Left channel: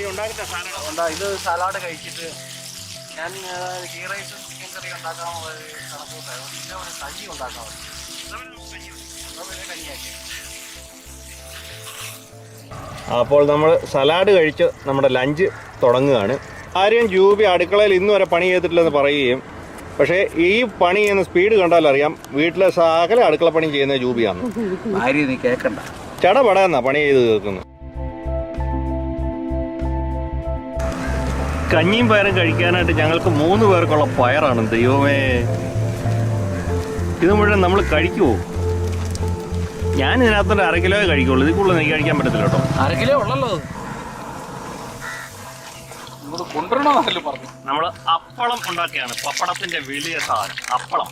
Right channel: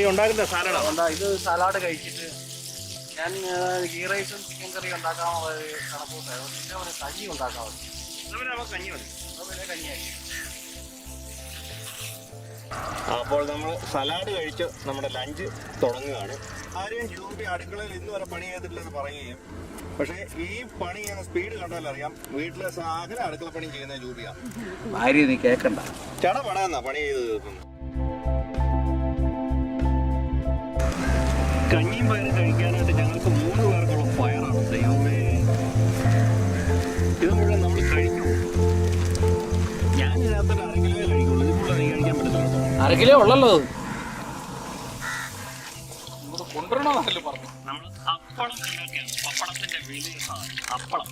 ഈ ഉണ്ടാക്കുന്ന സാലഡ് ഇത് സലാഡ് കഴിച്ചിട്ട് ഞാൻ ഗീ റൈസും ചിക്കൻ കറി ഉണ്ടാക്കാനുള്ള കണക്കൂട്ടായിരുന്നു. പിന്നെ ഒരു കഞ്ഞി ഉണ്ടാക്കാറുണ്ട്. കഞ്ഞി മതി. കഞ്ഞിയാക്കി. അപ്പോൾ നമ്മൾ സലാഡ് കഴിച്ച് നമ്മുടെ ലഞ്ച് തുടങ്ങുകയാണ്. ആരെയും ജൂബി അടുക്കളയിൽ ഇന്ന് വരെ പണി ചെയ്തിട്ടില്ലെന്ന് പറയുകയും, പക്ഷേ ഈ പണി ചെയ്യുന്ന സ്പീഡ് കണ്ടാൽ അറിയാം വീട്ടിലെ സകല അടുക്കള പണി ചെയ്യുന്ന ജൂബിയാണ്. ഭാര്യ നീ കേൾക്കണ്ട, ചടപടാന്നാ പണി ചെയ്ത് കേൾക്കുന്നത്. കഞ്ഞിയും പയറും കഴിക്കാനായിട്ട് ഞങ്ങൾക്ക് 3 പേർക്കുള്ള പയറാണ്. ദൈവമേ, ഇത് മുഴുവൻ നമ്മൾ കഴിക്കുമോ? ഞാൻ ഇതിനകത്തൊരു 1/2 കിലോ കഴിക്കുള്ളൂ. ഇതിൽ കൂടുതൽ എനിക്ക് കഴിക്കാൻ പറ്റത്തില്ല കേട്ടോ. 1/2 കിലോ ഉള്ളല്ലോ. കൊണ്ടുവരണോ പറഞ്ഞു. നമ്മൾ അപ്പളം ഉണ്ടാക്കിയാണ്. പപ്പടത്തിന്റെ വലിയ സാധനം അപ്പളം.